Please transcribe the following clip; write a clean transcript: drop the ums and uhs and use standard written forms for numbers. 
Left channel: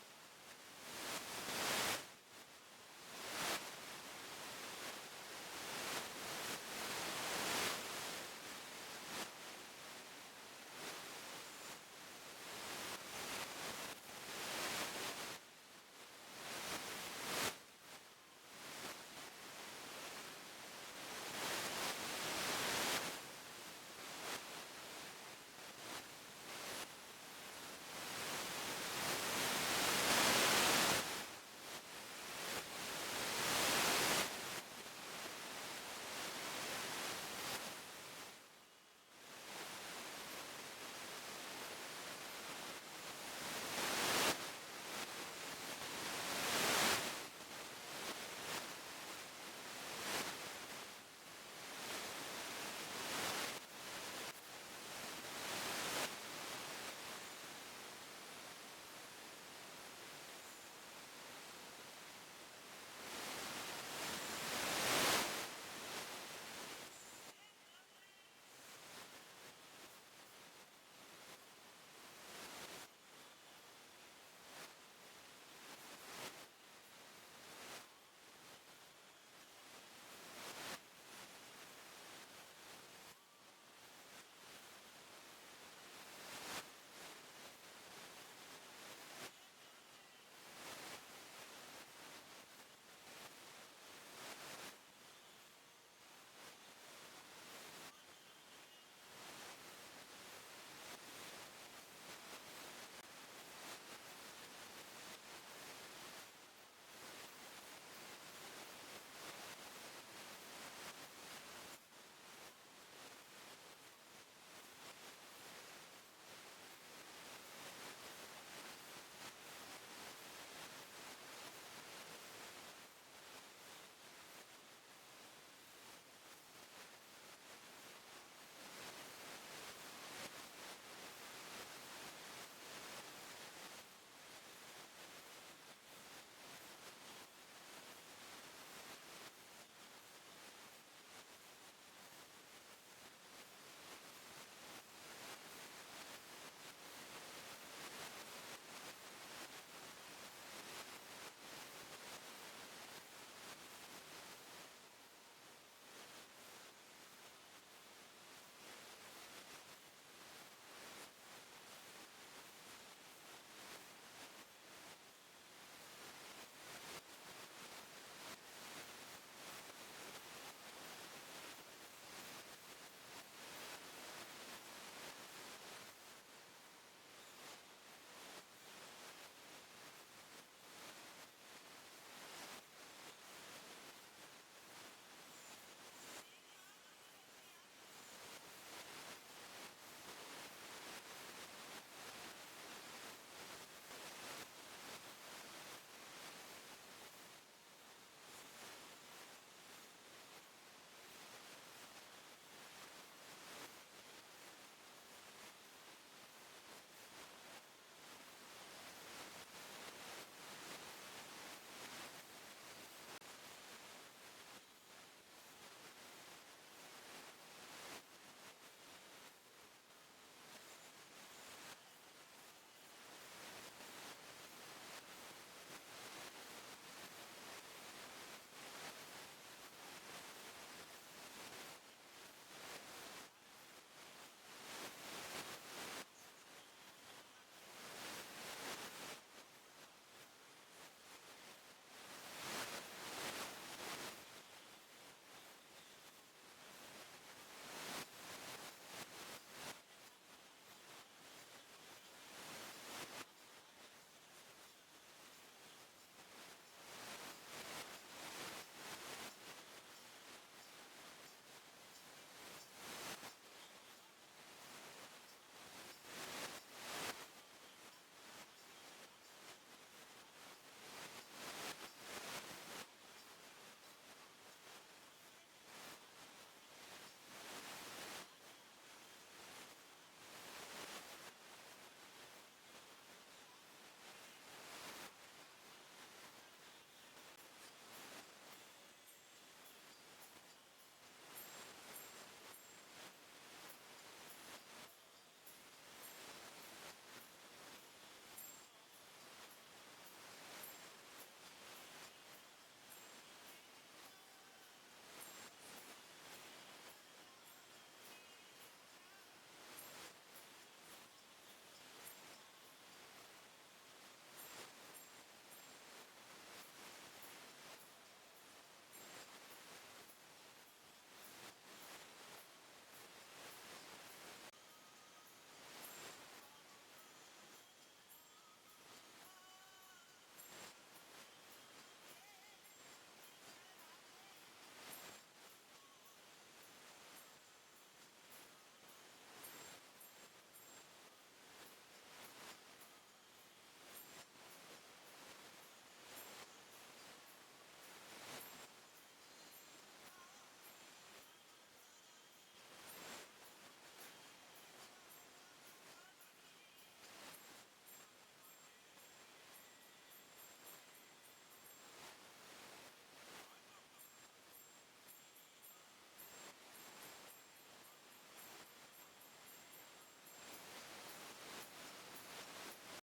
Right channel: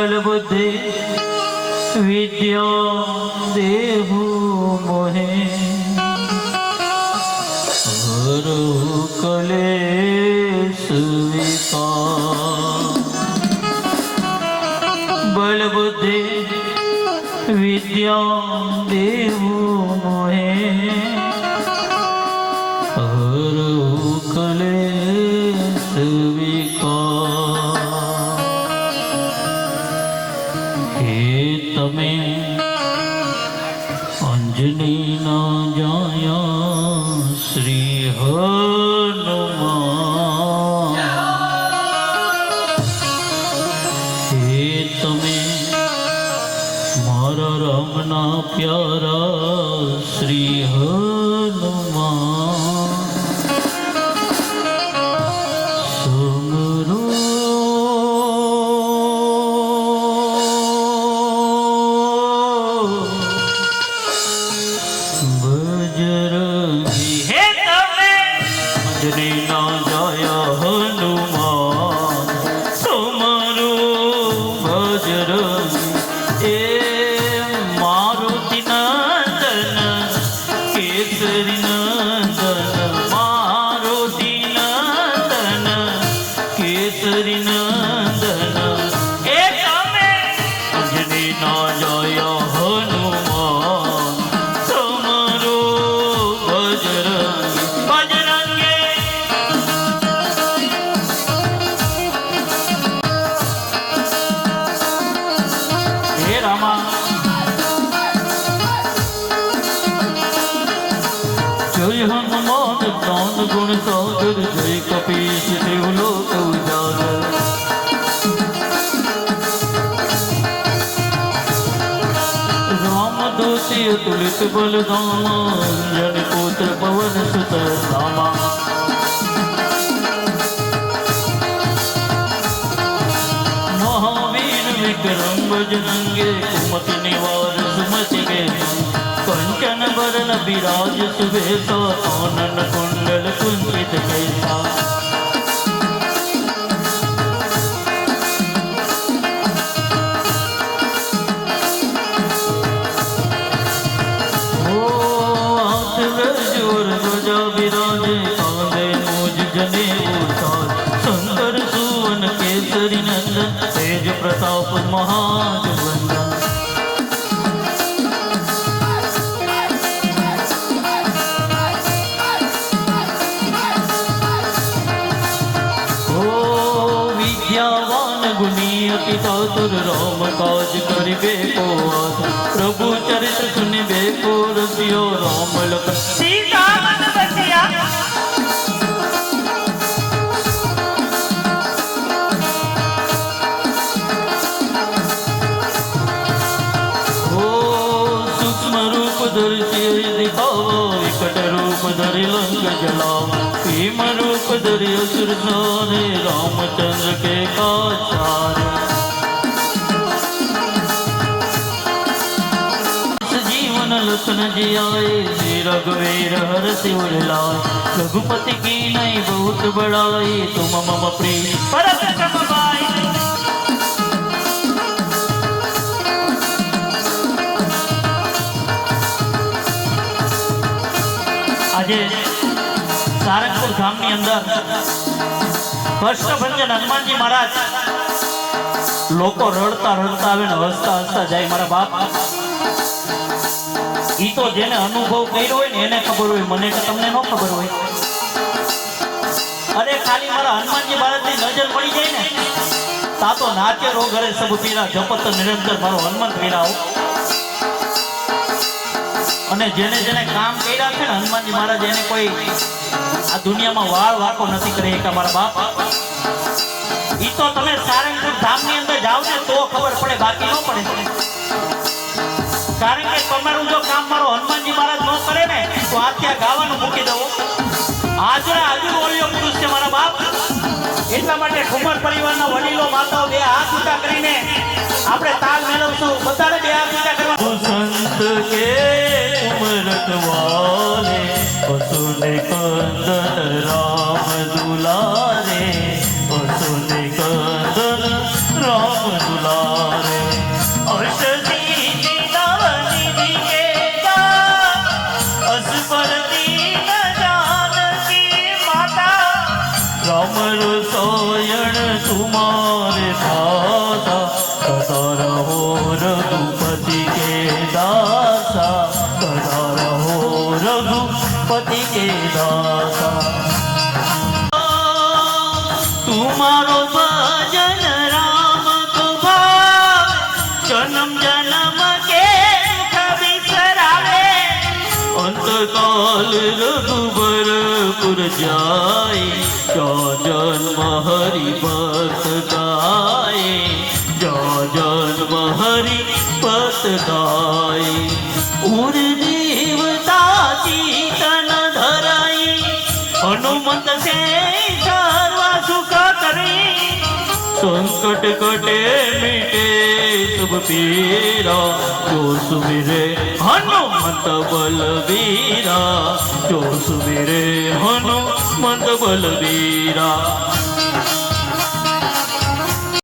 बल बुद्धि विद्या देहु मोहे हरु कलेश विकार। बल बुद्धि विद्या देहु मोहे हरु कलेश विकार। हे तमे अंजनी न जाया श्री हनुमान। हे तमे मारा रामना प्यारा श्री हनुमान। सुमरो बजरंगी। हे तमे अंजनी ना जाया हनुमान सुमरो बजरंगी। ए मारुति नंदन केसरी नंदन मारुति नंदन केसरी नंदन। ए तमे अंजनी ना जाया हनुमान सुमरो बजरंगी। बजरंगी हे रामा जय हनुमान ज्ञान गुण सागर जय कपीश देव लोक उजागर। राम दूती अतुलित बलधामा जन पुत्र पवन सुत धामा। महावीर विक्रम बजरंगे कुमति निवार सुमति के कंचन बरन विराज सुबेसा आनन कुंडल कुंचित कैसा। ओ हाथ ब्रज और ध्वजा विराजे कांधे मूज जनेऊ साज। सुंदर सुवन केसरी नंदन तेज प्रताप महाजगवंदन। विद्यावान गुणी अति चातुर राम काज करिबे को आतुर। प्रभु चरित्र सुनिबे को रसियो राम लखन सीता मन बसिया। ओ सूक्ष्म रूप धरि सिय दिखावा विकट रूप धरि लंक जलावा। भीम रूप धरि असुर सारे रामचंद्र के काज सारे। जीवन लखन जियाए श्री रघुवीर हरषि उर लाए। रघुपति की नहीं बहुत बड़ाई तुम मम प्रिय परम तम पाई। આજે સારંગપુર ગામની અંદર કષ્ટભંજન હનુમાનજી મહારાજ લોકો રડતા રડતા આવે ને હસતા હસતા જાય। મારા બાપ ઈ તો જેને અનુભવ કર્યો હોય ને એને ખબર હોય, મને કે તમને ન ખબર હોય। અરે ખાલી મારા હનુમાનજી મહારાજની નજર પડી જાય ને તા તો નાચે રો ઘરે સબ પીરા જપત નિરંતર મારો હનુમંત પીરાઓ। અને જેને જેને કામ કર્યા છે ને હનુમાનજી મહારાજ એને કોઈ આ દુનિયામાં વાળ વાકો નથી કરી કે મારા બાપ ઈ તો તમે સારંગપુર ધામની અંદર જાવ ને તો ખબર પડે, બાકી ન પડે। કારણ કે તમારું જો કામ મારો હનુમાનજી મહારાજ ન કરે ને તો આ ત્યાં ગાવાનું મૂકી દો। આજરા આજુ બોલ્યો પુરુષ છે મારા બાપ। એટલા માટે ઠુમર પરિવારના વડીલો માતાઓ બે હાથ ઊંચા કરીને આપણે તાલ મેળવશું। બધાને બે હાથ ઊંચા કરવા। સંત કે ઉમર રખવાલે પશુને કંદન રામ દુલારે, પશુને કંદન રામ દુલારે। के दाता तुम्हारो भजन राम को भाव जन्म जन्म के दुख बिसरावे अंतकाल रघुबरपुर जाए जो जन्म हरि भक्त गाए जो जन्म हरि भक्त गाए उर देवता चीतन धराई हनुमंत से सर्व सुख करे संकट कटे मिटे सब पीरा जो सुमिरे हनुमंत बलवीरा जो सुमिरे हनुमंत बलवीरा